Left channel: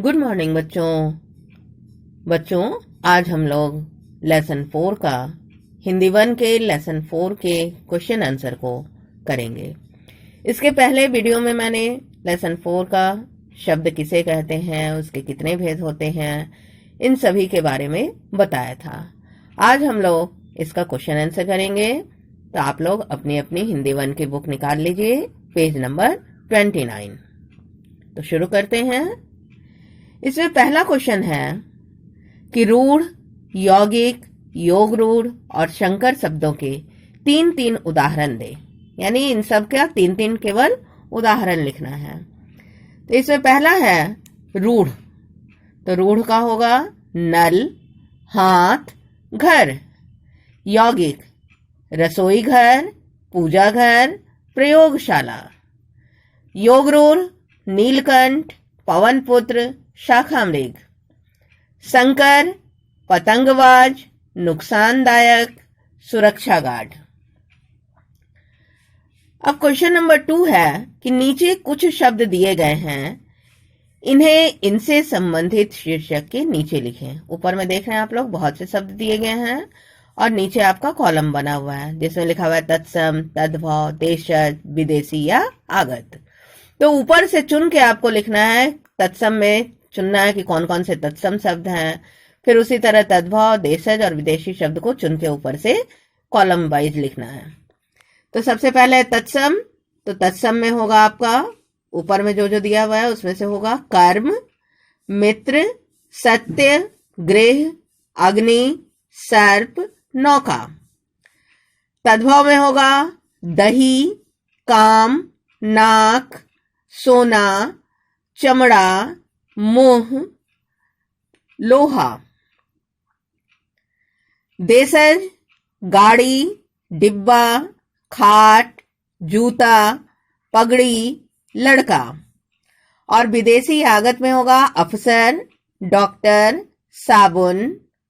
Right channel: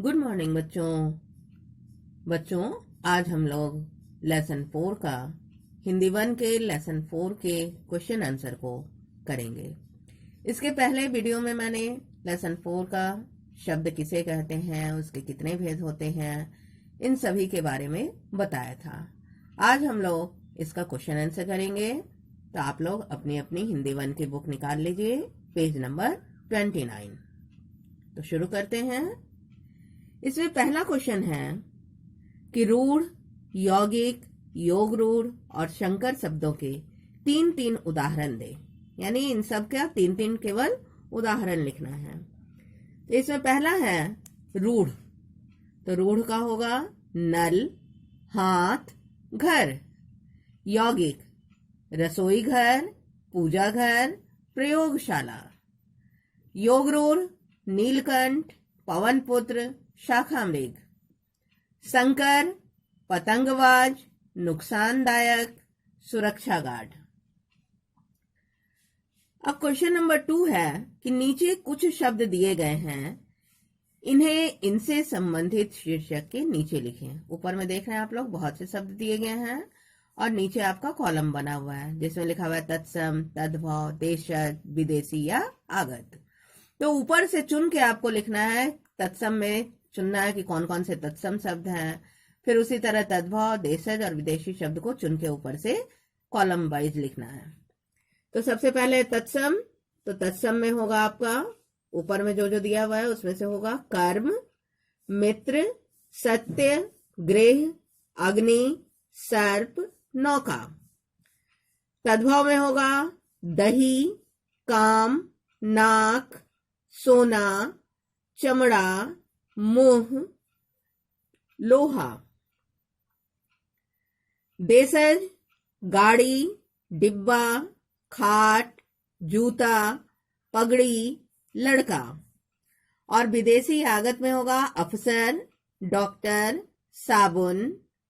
Good morning बच्चों आज हम लोग लेसन 4 का हिंदी 1 के लेसन 4 के क्वेश्चन आंसर को करेंगे। इसके पहले वीडियो में मैंने लेसन 4 का शब्द किसे कहते हैं, उसके कितने भेद होते हैं, इन सभी के बारे में बताया था। आज हम लोग इसका क्वेश्चन आंसर करेंगे। तो आप लोग अपनी अपनी हिंदी 1 की बुक निकाल लीजिए, पेज नंबर 29। तो शुरू करते हैं। इसमें पहला क्वेश्चन है कि रूढ़, यौगिक, योग रूढ़ और शंकर शब्दों के 3-3 उदाहरण दे। यानी इन सब का 3-3 केवल उदाहरण लिखना है। तो इसमें पहला है रूढ़। तो रूढ़ का होगा नल, हाथ, घर। यौगिक रसोई घर, पूजा घर, प्रयोगशाला। योग रूढ़ नीलकंठ, पवन पुत्र, शाखा मृग। शंकर पतंगबाज, नुकसानदायक, सुरक्षा गार्ड। अब क्वेश्चन नंबर 2 है कि नीचे कुछ शब्द दिए गए हैं, इन्हें इनसे संबंधित शीर्षक के नीचे लिखें। ऊपर में देख रहे हैं आप लोग बहुत से शब्द दिए गए हैं और नीचे आपका कॉलम बना हुआ है जिसमें लिखा हुआ है तत्सम, तद्भव, देशज, विदेशी या आगत। तो ऊपर से चुन के आपको लिखना है। तत्सम में चुनना है कि कौन कौन से तत्सम शब्द हैं, फिर उसी तरह तद्भव, देशज और विदेशी शब्द को चुन के ऊपर से कॉलम वाइज लिखना है। तो सबसे पहले तत्सम। तो तत्सम में होगा आपका ऊपर में जो जो दिया हुआ है उसमें से होगा कर्म, मित्र, सत्य, गृह, अग्नि, सर्प, नौका। तद्भव में होगा दही, काम, नाक, सोना, चमड़ा, मोह, लोहा। देशज गाड़ी, डिब्बा, खाट, जूता, पगड़ी, लड़का। और विदेशी आगत में होगा अफसर, डॉक्टर, साबुन,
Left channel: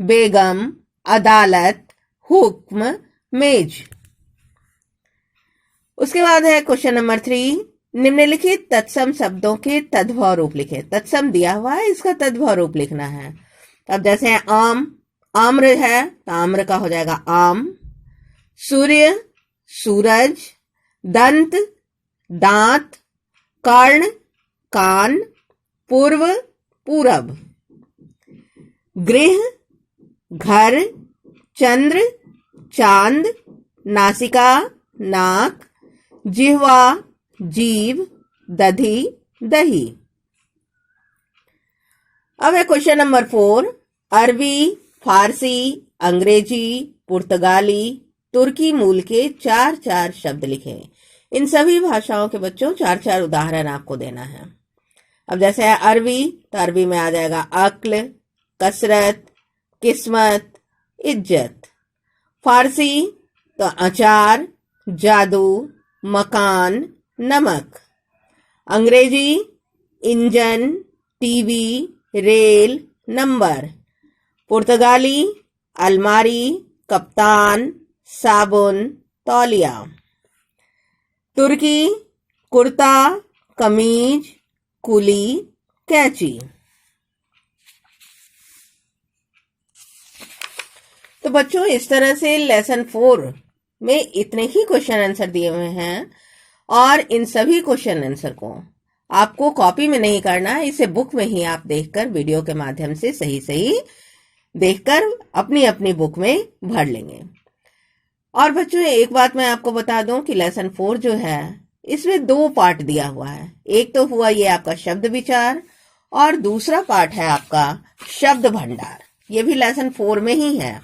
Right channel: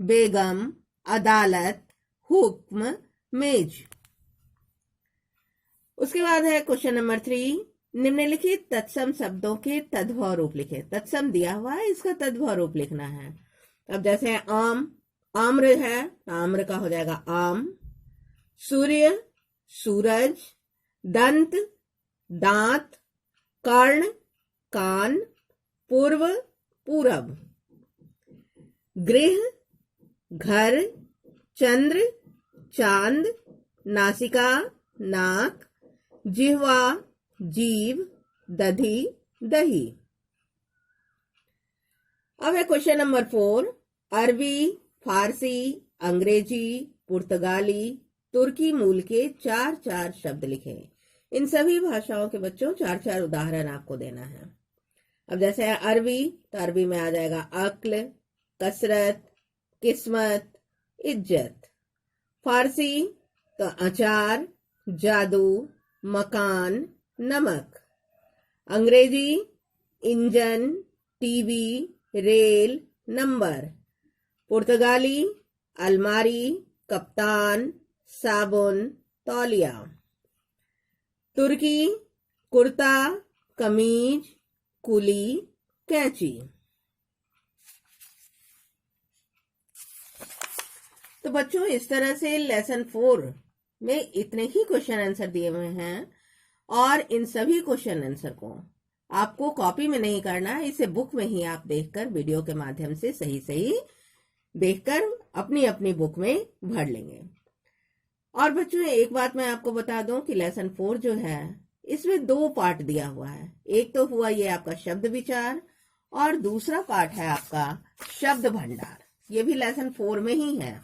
बेगम, अदालत, हुक्म, मेज। उसके बाद है क्वेश्चन नंबर 3। निम्नलिखित तत्सम शब्दों के तद्भव रूप लिखे। तत्सम दिया हुआ है, इसका तद्भव रूप लिखना है। अब जैसे आम, आम्र है तो आम्र का हो जाएगा आम। सूर्य, सूरज। दंत, दांत। कर्ण, कान। पूर्व, पूरब। गृह, घर। चंद्र, चांद। नासिका, नाक। जिह्वा, जीव। दधी, दही। अब है क्वेश्चन नंबर 4। अरबी, फारसी, अंग्रेजी, पुर्तगाली, तुर्की मूल के 4-4 शब्द लिखें। इन सभी भाषाओं के बच्चों 4-4 उदाहरण आपको देना है। अब जैसे है अरबी, तो अरबी में आ जाएगा अक्ल, कसरत, किस्मत, इज्जत। फारसी तो अचार, जादू, मकान, नमक। अंग्रेजी इंजन, टीवी, रेल, नंबर। पुर्तगाली अलमारी, कप्तान, साबुन, तौलिया। तुर्की कुर्ता, कमीज, कुली, कैंची। तो बच्चों इस तरह से लेसन 4 में इतने ही क्वेश्चन आंसर दिए हुए हैं और इन सभी क्वेश्चन आंसर को आपको कॉपी में नहीं करना है, इसे बुक में ही आप देखकर वीडियो के माध्यम से सही सही देखकर अपनी अपनी बुक में भर लेंगे। और बच्चों एक बात मैं आपको बता दूं कि लेसन 4 जो है इसमें 2 पार्ट दिया हुआ है। एक तो हुआ ये आपका शब्द विचार और दूसरा पार्ट है आपका शब्द भंडार। ये भी लेसन 4 में ही है।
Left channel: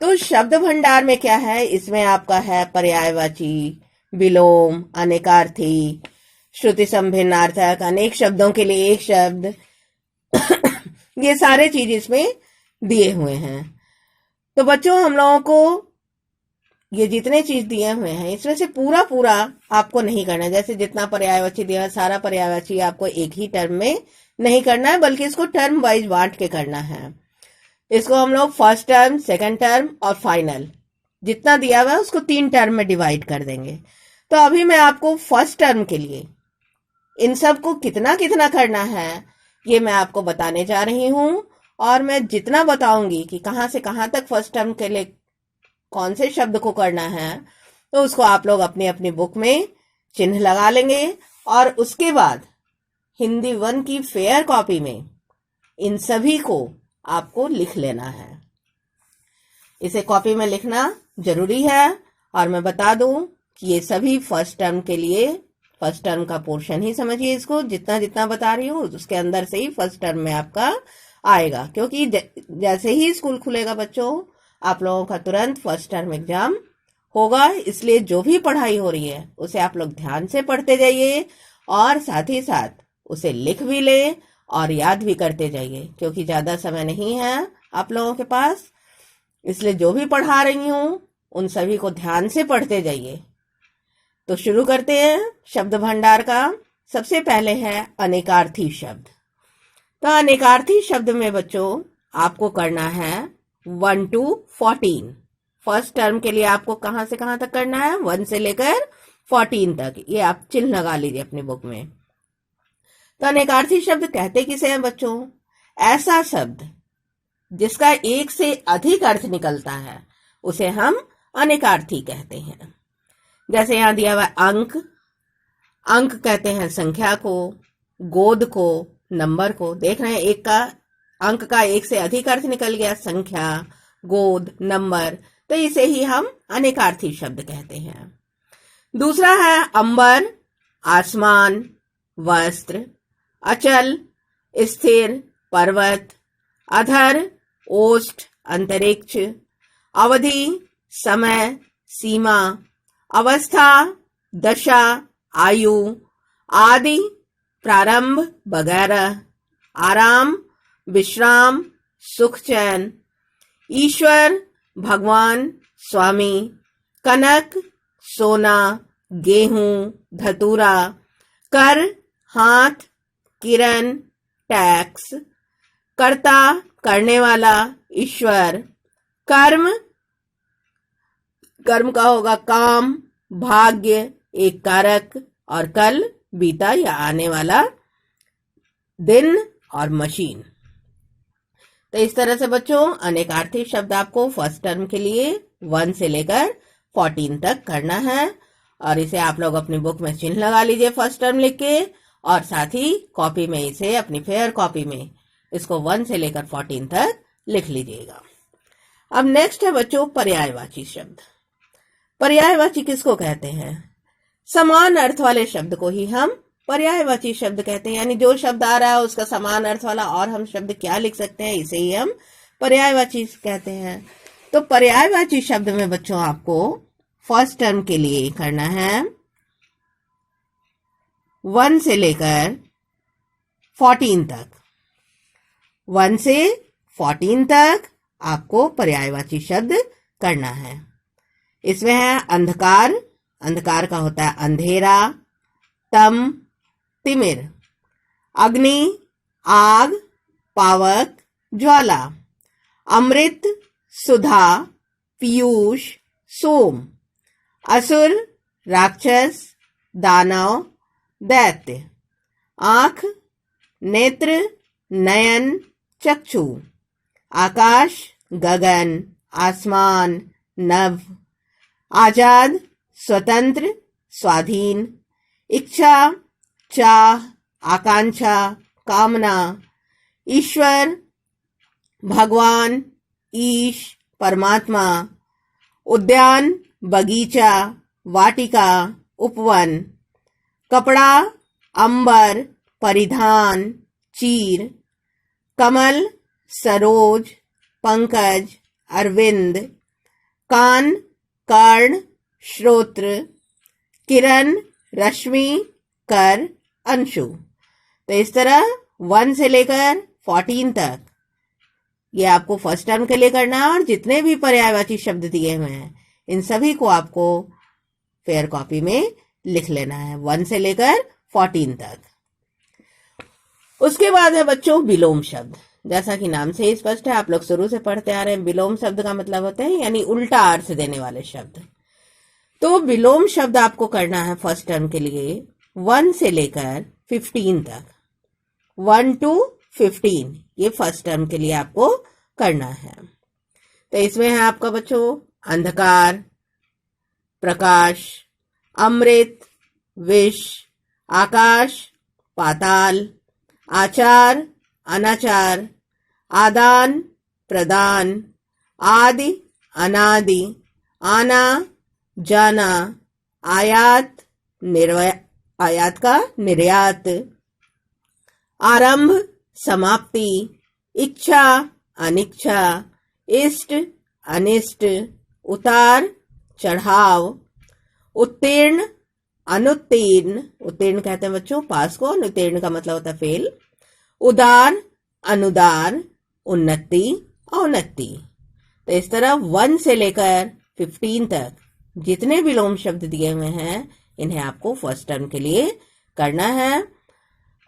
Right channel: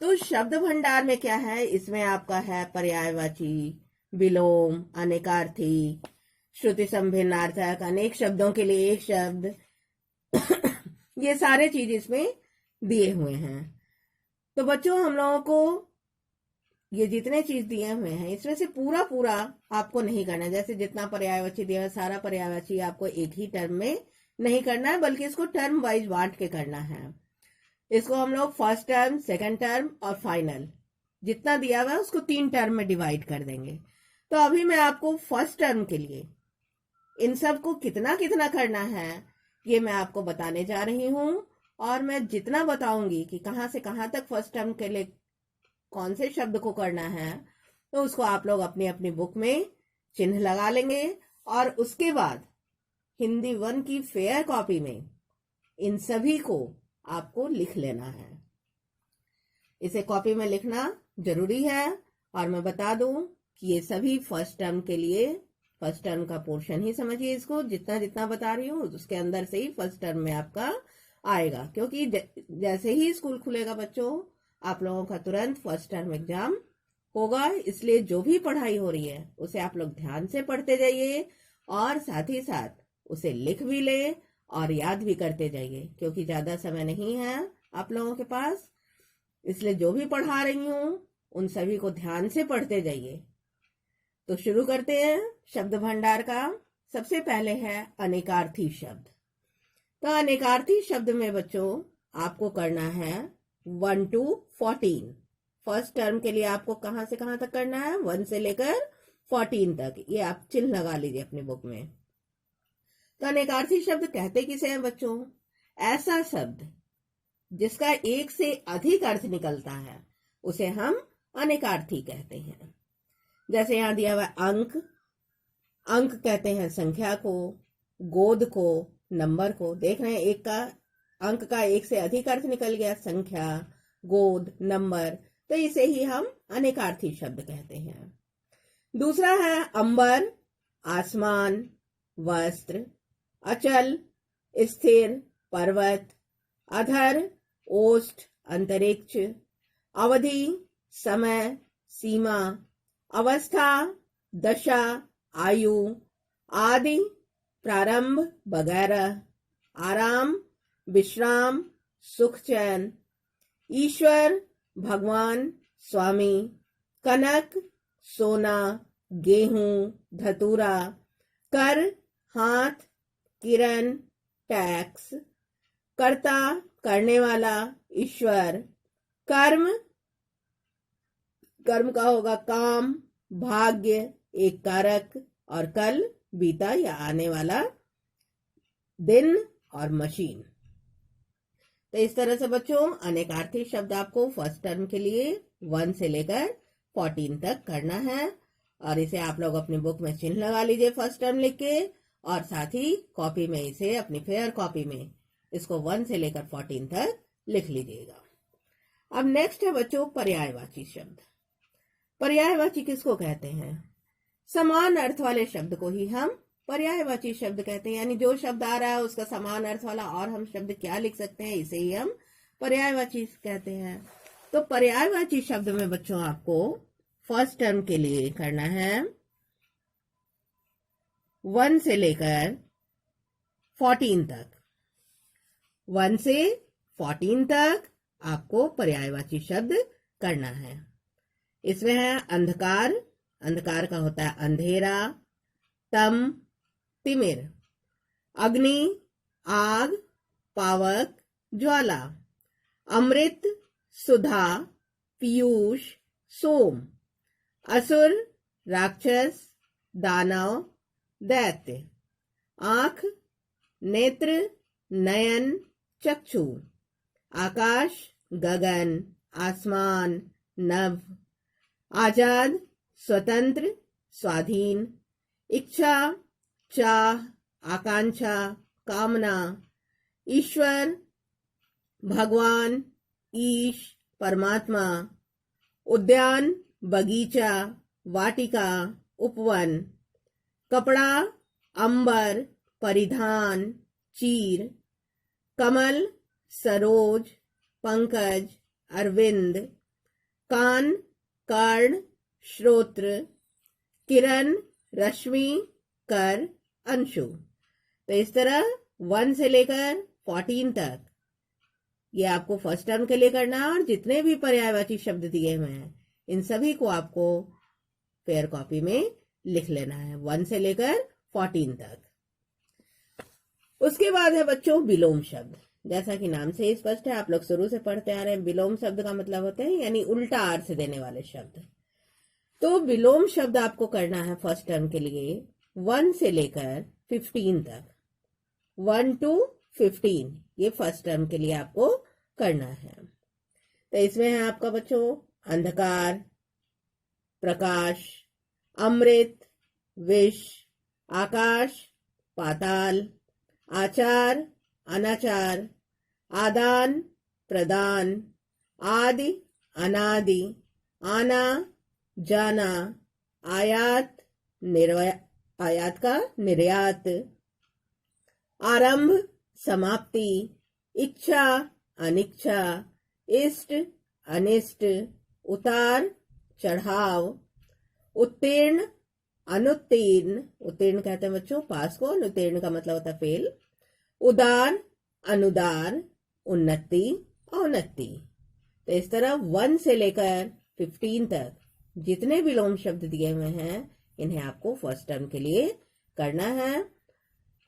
तो शब्द भंडार में क्या है, इसमें आपका है पर्यायवाची, विलोम, अनेकार्थी, श्रुति संभिन्नार्थक, अनेक शब्दों के लिए एक शब्द ये सारे चीज इसमें दिए हुए हैं। तो बच्चों हम लोगों को ये जितने चीज दिए हुए हैं इसमें से पूरा पूरा आपको नहीं करना है। जैसे जितना पर्यायवाची दिया है सारा पर्यायवाची आपको एक ही टर्म में नहीं करना है, बल्कि इसको टर्म वाइज बांट के करना है। इसको हम लोग फर्स्ट टर्म, सेकंड टर्म और फाइनल जितना दिया हुआ है उसको 3 टर्म में डिवाइड कर देंगे। तो अभी मैं आपको फर्स्ट टर्म के लिए इन सब को कितना कितना करना है ये मैं आपको बताने जा रही हूँ। और मैं जितना बताऊंगी कि कहाँ से कहाँ तक फर्स्ट टर्म के लिए कौन से शब्द को करना है, तो उसको आप लोग अपनी अपनी बुक में चिन्ह लगा लेंगे। और उसके बाद हिंदी 1 की फेयर कॉपी में इन सभी को आपको लिख लेना है। इसे कॉपी में लिखना जरूरी है। और मैं बता दूं कि ये सभी फर्स्ट टर्म के लिए, फर्स्ट टर्म का पोर्शन ही समझिए इसको, जितना जितना बता रही हूँ उसके अंदर से ही फर्स्ट टर्म में आपका आएगा। क्योंकि जैसे ही स्कूल खुलेगा बच्चों, आप लोगों का तुरंत फर्स्ट टर्म एग्जाम होगा। इसलिए जो भी पढ़ाई हो रही है उसे आप लोग ध्यान से पढ़ते जाइए और साथ ही साथ उसे लिख भी ले और याद भी करते जाइए, क्योंकि ज्यादा समय नहीं है आप लोगों के पास। इसलिए जो भी पढ़ा रही हूँ उन सभी को ध्यान से पढ़ते जाइए। तो शुरू करते हैं शब्द भंडार का। सबसे पहले है अनेकार्थी शब्द। तो अनेकार्थी शब्द में बच्चों आपको करना है 1 to 14। फर्स्ट टर्म के लिए आपको कहां से कहां तक करना है, 1 से लेकर 14 तक। ये आप चिन्ह लगा लीजिए अपनी बुक में। तो अनेकार्थी शब्द कहते किसे हैं बच्चों? ऐसा शब्द जिसका एक से अधिक अर्थ निकलता है उसे हम अनेकार्थी कहते हैं। जैसे यहां दिया हुआ अंक, अंक कहते हैं संख्या को, गोद को, नंबर को। देख रहे हैं एक का, अंक का एक से अधिक अर्थ निकल गया, संख्या, गोद, नंबर, तो इसे ही हम अनेकार्थी शब्द कहते हैं। दूसरा है अंबर, आसमान, वस्त्र, अचल, स्थिर, पर्वत, अधर, ओष्ठ, अंतरिक्ष, अवधि, समय, सीमा, अवस्था, दशा, आयु, आदि, प्रारंभ वगैरह, आराम, विश्राम, सुख, चैन, ईश्वर, भगवान, स्वामी, कनक, सोना, गेहूं, धतूरा, कर, हाथ, किरण, टैक्स, कर्ता, करने वाला, ईश्वर, कर्म, कर्म का होगा काम, भाग्य, एक कारक, और कल, बीता या आने वाला दिन, और मशीन। तो इस तरह से बच्चों अनेकार्थी शब्द आपको फर्स्ट टर्म के लिए 1 से लेकर 14 तक करना है। और इसे आप लोग अपनी बुक में चिन्ह लगा लीजिए फर्स्ट टर्म लिख के, और साथ ही कॉपी में इसे, अपनी फेयर कॉपी में इसको 1 से लेकर 14 तक लिख लीजिएगा। अब नेक्स्ट है बच्चों पर्यायवाची शब्द। पर्यायवाची किसको कहते हैं? समान अर्थ वाले शब्द को ही हम पर्यायवाची शब्द कहते हैं। यानी जो शब्द आ रहा है उसका समान अर्थ वाला और हम शब्द क्या लिख सकते हैं, इसे ही हम पर्यायवाची कहते हैं। तो पर्यायवाची शब्द में बच्चों आपको फर्स्ट टर्म के लिए करना है 1 से लेकर 14 तक। 1 से 14 तक आपको पर्यायवाची शब्द करना है। इसमें है अंधकार, अंधकार का होता है अंधेरा, तम, तिमिर, अग्नि, आग, पावक, ज्वाला, अमृत, सुधा, पीयूष, सोम, असुर, राक्षस, दानव, दैत्य, आंख, नेत्र, नयन, चक्षु, आकाश, गगन, आसमान, नभ, आजाद, स्वतंत्र, स्वाधीन, इच्छा, चाह, आकांक्षा, कामना, ईश्वर, भगवान, ईश, परमात्मा, उद्यान, बगीचा, वाटिका, उपवन, कपड़ा, अंबर, परिधान, चीर, कमल, सरोज, पंकज, अरविंद, कान, कर्ण, श्रोत्र, किरण, रश्मि, कर, अंशु। तो इस तरह 1 से लेकर 14 तक ये आपको फर्स्ट टर्म के लिए करना है। और जितने भी पर्यायवाची शब्द दिए हुए हैं इन सभी को आपको फेयर कॉपी में लिख लेना है 1 से लेकर 14 तक। उसके बाद है बच्चों विलोम शब्द। जैसा कि नाम से ही स्पष्ट है, आप लोग शुरू से पढ़ते आ रहे हैं, विलोम शब्द का मतलब होता है यानी उल्टा अर्थ देने वाले शब्द। तो विलोम शब्द आपको करना है फर्स्ट टर्म के लिए 1 से लेकर 15 तक, 1 to 15, ये फर्स्ट टर्म के लिए आपको करना है। तो इसमें है आपका बच्चों अंधकार, प्रकाश, अमृत, विष, आकाश, पाताल, आचार, अनाचार, आदान, प्रदान, आदि, अनादि, आना, जाना, आयात, आयात का निर्यात, आरंभ, समाप्ति, इच्छा, अनिच्छा, इष्ट, अनिष्ट, उतार, चढ़ाव, उत्तीर्ण, अनुत्तीर्ण, उत्तीर्ण कहते हैं बच्चों पास को, अनुत्तीर्ण का मतलब होता है फेल, उदार, अनुदार, उन्नति, अवनति। तो इस तरह 1 से लेकर 15 तक जितने विलोम शब्द दिए हुए हैं इन्हें आपको फर्स्ट टर्म के लिए करना है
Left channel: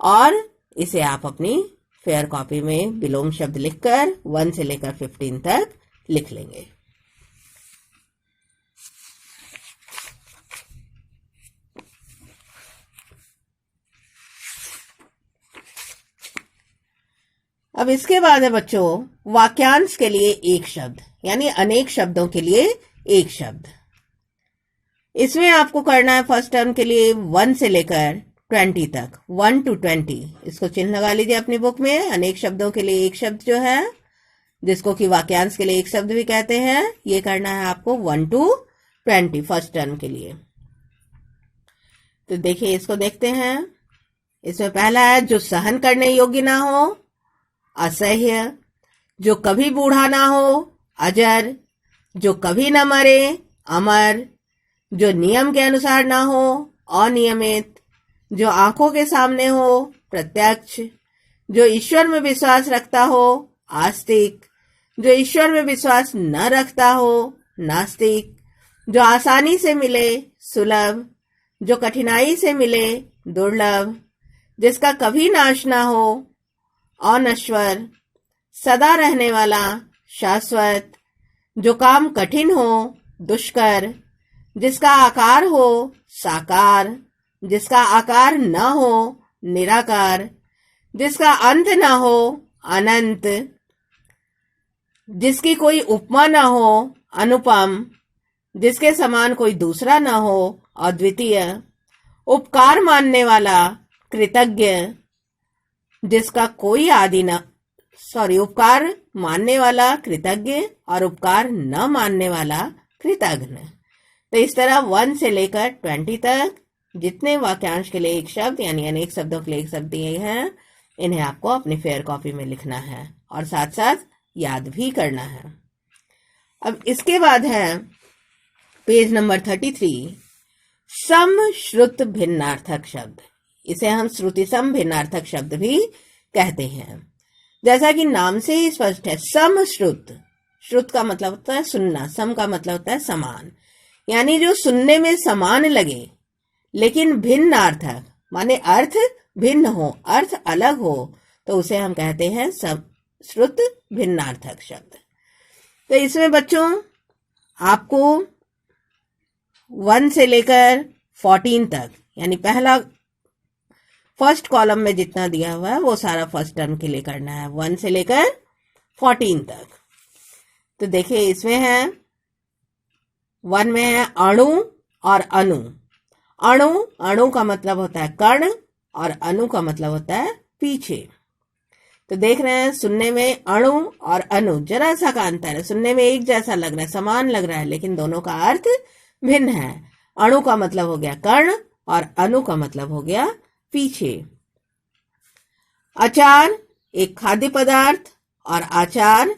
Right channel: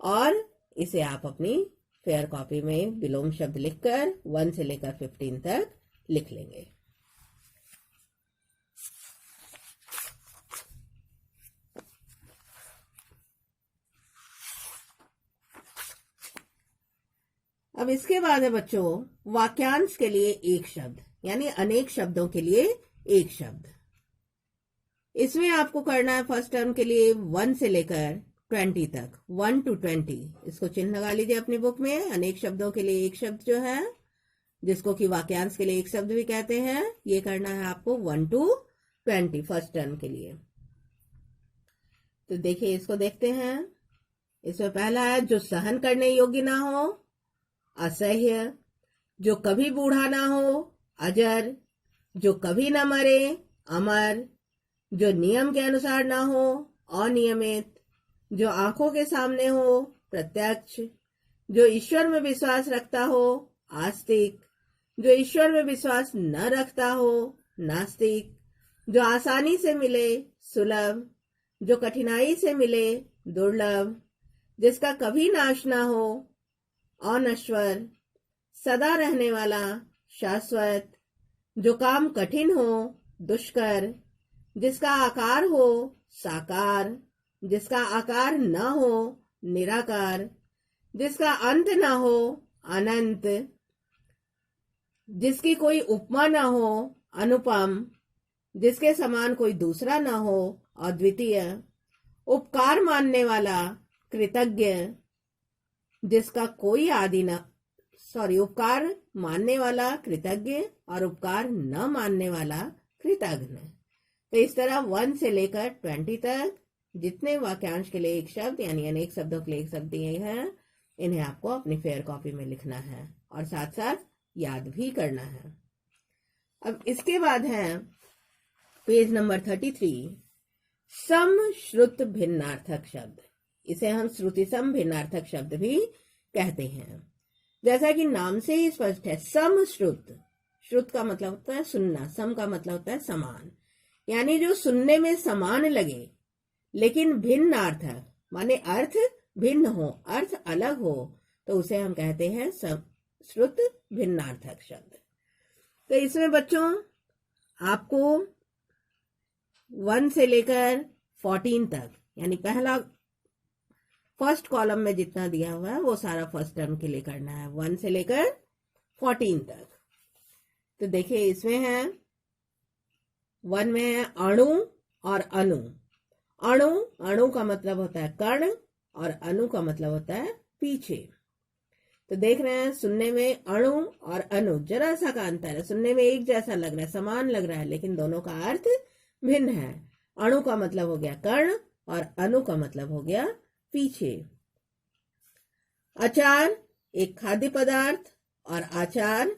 और इसे आप अपनी फेयर कॉपी में विलोम शब्द लिखकर 1 से लेकर 15 तक लिख लेंगे। अब इसके बाद है बच्चों वाक्यांश के लिए एक शब्द, यानी अनेक शब्दों के लिए एक शब्द। इसमें आपको करना है फर्स्ट टर्म के लिए 1 से लेकर 20 तक, 1 to 20। इसको चिन्ह लगा लीजिए अपनी बुक में। अनेक शब्दों के लिए एक शब्द जो है, जिसको कि वाक्यांश के लिए एक शब्द भी कहते हैं, ये करना है आपको 1 to 20 फर्स्ट टर्म के लिए। तो देखिए इसको देखते हैं। इसमें पहला है जो सहन करने योग्य ना हो, असह्य, जो कभी बूढ़ा ना हो, अजर, जो कभी न मरे, अमर, जो नियम के अनुसार ना हो, अनियमित, जो आंखों के सामने हो, प्रत्यक्ष, जो ईश्वर में विश्वास रखता हो, आस्तिक, जो ईश्वर में विश्वास न रखता हो, नास्तिक, जो आसानी से मिले, सुलभ, जो कठिनाई से मिले, दुर्लभ, जिसका कभी नाश ना हो, अनश्वर, सदा रहने वाला, शाश्वत, जो काम कठिन हो, दुष्कर, जिसका आकार हो, साकार, जिसका आकार न हो, निराकार, जिसका अंत न हो, अनंत, जिसकी कोई उपमा न हो, अनुपम, जिसके समान कोई दूसरा न हो, अद्वितीय, उपकार मानने वाला, कृतज्ञ, जिसका कोई आदि न उपकार मानने वाला कृतज्ञ और उपकार न मानने वाला कृतघ्न। तो इस तरह 1 से लेकर 20 तक जितने वाक्यांश के लिए एक शब्द यानी अनेक शब्दों के लिए एक शब्द दिए हैं, इन्हें आपको अपनी फेयर कॉपी में लिखना है और साथ साथ याद भी करना है। अब इसके बाद है पेज नंबर 33, सम श्रुत भिन्नार्थक शब्द। इसे हम श्रुति सम भिन्नार्थक शब्द भी कहते हैं। जैसा कि नाम से ही स्पष्ट है, सम श्रुत, श्रुत का मतलब होता है सुनना, सम का मतलब होता है समान, यानी जो सुनने में समान लगे लेकिन भिन्नार्थक माने अर्थ भिन्न हो, अर्थ अलग हो, तो उसे हम कहते हैं सम श्रुत भिन्नार्थक शब्द। तो इसमें बच्चों आपको 1 से लेकर 14 तक यानी पहला फर्स्ट कॉलम में जितना दिया हुआ है वो सारा फर्स्ट टर्म के लिए करना है, 1 से लेकर 14 तक। तो देखिए इसमें है 1 में है अणु और अणु। अणु, अणु का मतलब होता है कण और अणु का मतलब होता है पीछे। तो देख रहे हैं सुनने में अणु और अणु जरा सा का अंतर है, सुनने में एक जैसा लग रहा है, समान लग रहा है, लेकिन दोनों का अर्थ भिन्न है। अणु का मतलब हो गया कण और अणु का मतलब हो गया पीछे। आचार एक खाद्य पदार्थ और आचार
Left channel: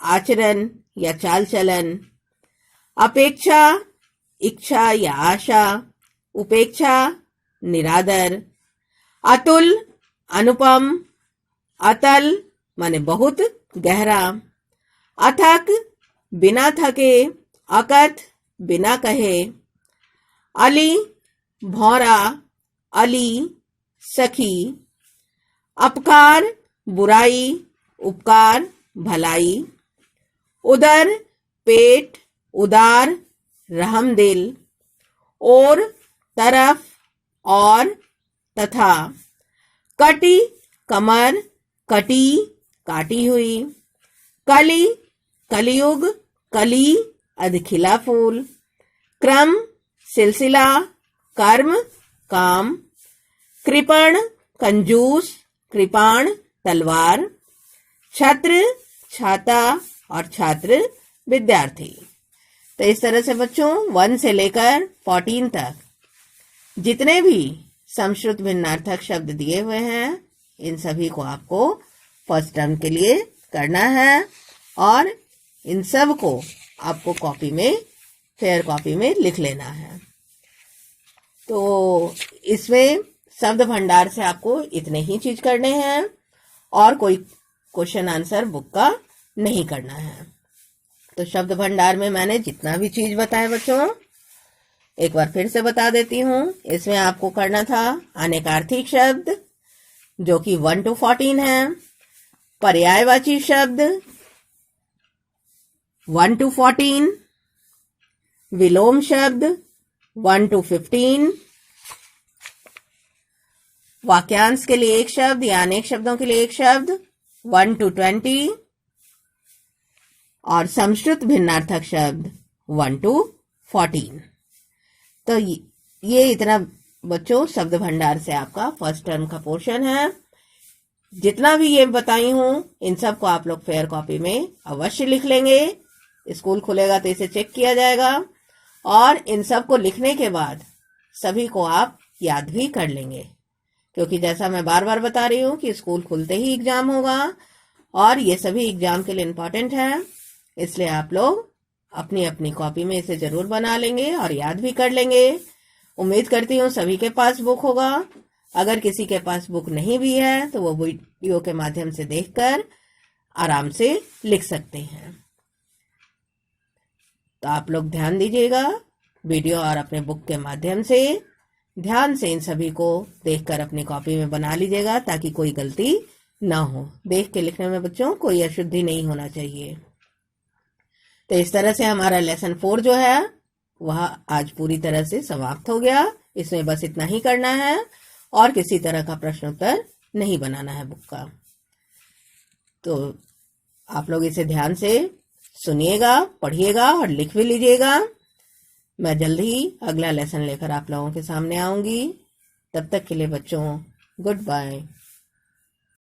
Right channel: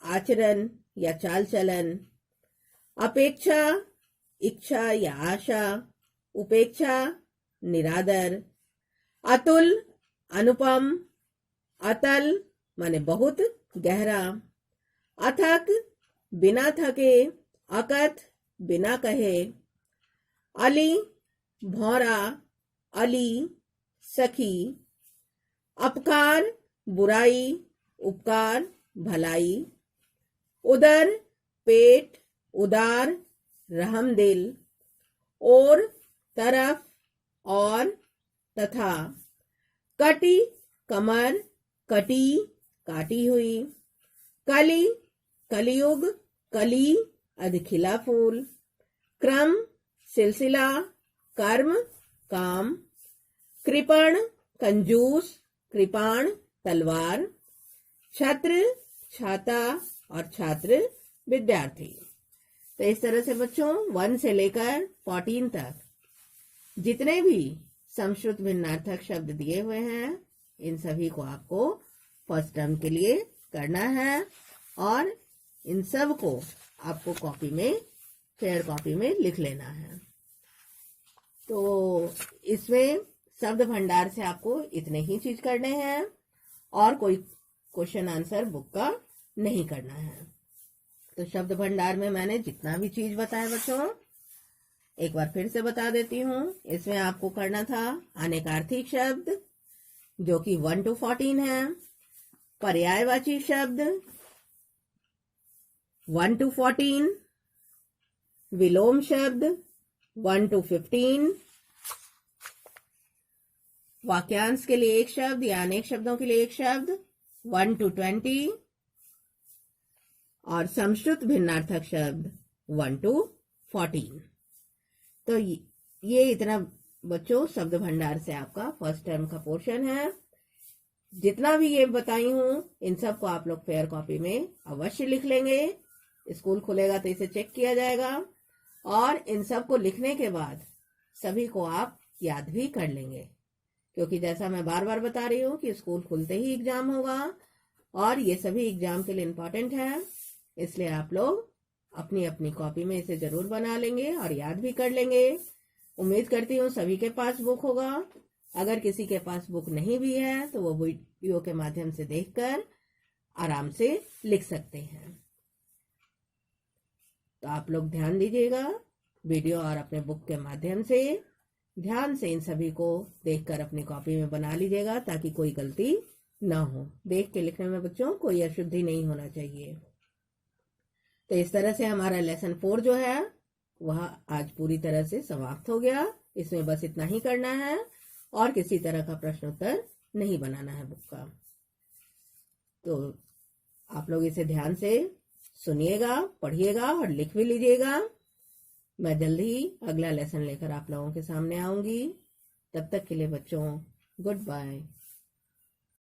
आचरण या चाल चलन। अपेक्षा इच्छा या आशा, उपेक्षा निरादर। अतुल अनुपम, अतल माने बहुत गहरा। अथक बिना थके, अकथ बिना कहे। अली भौरा, अली सखी। अपकार बुराई, उपकार भलाई। उदर पेट, उदार रहमदिल। और तरफ और तथा। कटी कमर, कटी, काटी हुई। कली, कलयुग, कली, अधखिला फूल। क्रम, सिलसिला। कर्म, काम। कृपण, कंजूस, कृपाण, तलवार। छत्र, छाता, और छात्र, विद्यार्थी। तो इस तरह से बच्चों 1 से लेकर 14 तक जितने भी समश्रुत भिन्नार्थक शब्द दिए हुए हैं, इन सभी को आपको फर्स्ट टर्म के लिए करना है और इन सब को आपको कॉपी में, फेयर कॉपी में लिख लेना है। तो इसमें शब्द भंडार से आपको इतने ही चीज करने हैं और कोई क्वेश्चन आंसर बुक का नहीं करना है। तो शब्द भंडार में मैंने जितना भी चीज बताया बच्चों, एक बार फिर से बता देती हूँ। इसमें आपको करना था अनेकार्थी शब्द जो कि 1 to 14 है, पर्यायवाची शब्द 1 to 14, विलोम शब्द 1 to 15, वाक्यांश के लिए एक शब्द या अनेक शब्दों के लिए एक शब्द 1 to 20 और समश्रुत भिन्नार्थक शब्द 1 to 14। तो ये इतना बच्चों शब्द भंडार से आपका फर्स्ट टर्म का पोर्शन है। जितना भी ये बताई हूं इन सब को आप लोग फेयर कॉपी में अवश्य लिख लेंगे। स्कूल खुलेगा तो इसे चेक किया जाएगा और इन सब को लिखने के बाद सभी को आप याद भी कर लेंगे, क्योंकि जैसा मैं बार बार बता रही हूँ कि स्कूल खुलते ही एग्जाम होगा और ये सभी एग्जाम के लिए इम्पोर्टेंट है। इसलिए आप लोग अपनी अपनी कॉपी में इसे जरूर बना लेंगे और याद भी कर लेंगे। उम्मीद करती हूँ सभी के पास बुक होगा। अगर किसी के पास बुक नहीं भी है तो वो वीडियो के माध्यम से देखकर आराम से लिख सकते हैं। तो आप लोग ध्यान दीजिएगा वीडियो और अपने बुक के माध्यम से ध्यान से इन सभी को देखकर अपनी कॉपी में बना लीजिएगा ताकि कोई गलती ना हो। देख के लिखने में बच्चों कोई अशुद्धि नहीं होना चाहिए। तो इस तरह से हमारा लेसन 4 जो है वह आज पूरी तरह से समाप्त हो गया। इसमें बस इतना ही करना है और किसी तरह का प्रश्न उत्तर नहीं बनाना है बुक का। तो आप लोग इसे ध्यान से सुनिएगा, पढ़िएगा और लिख भी लीजिएगा। मैं जल्द ही अगला लेसन लेकर आप लोगों के सामने आऊंगी। तब तक के लिए बच्चों गुड बाय।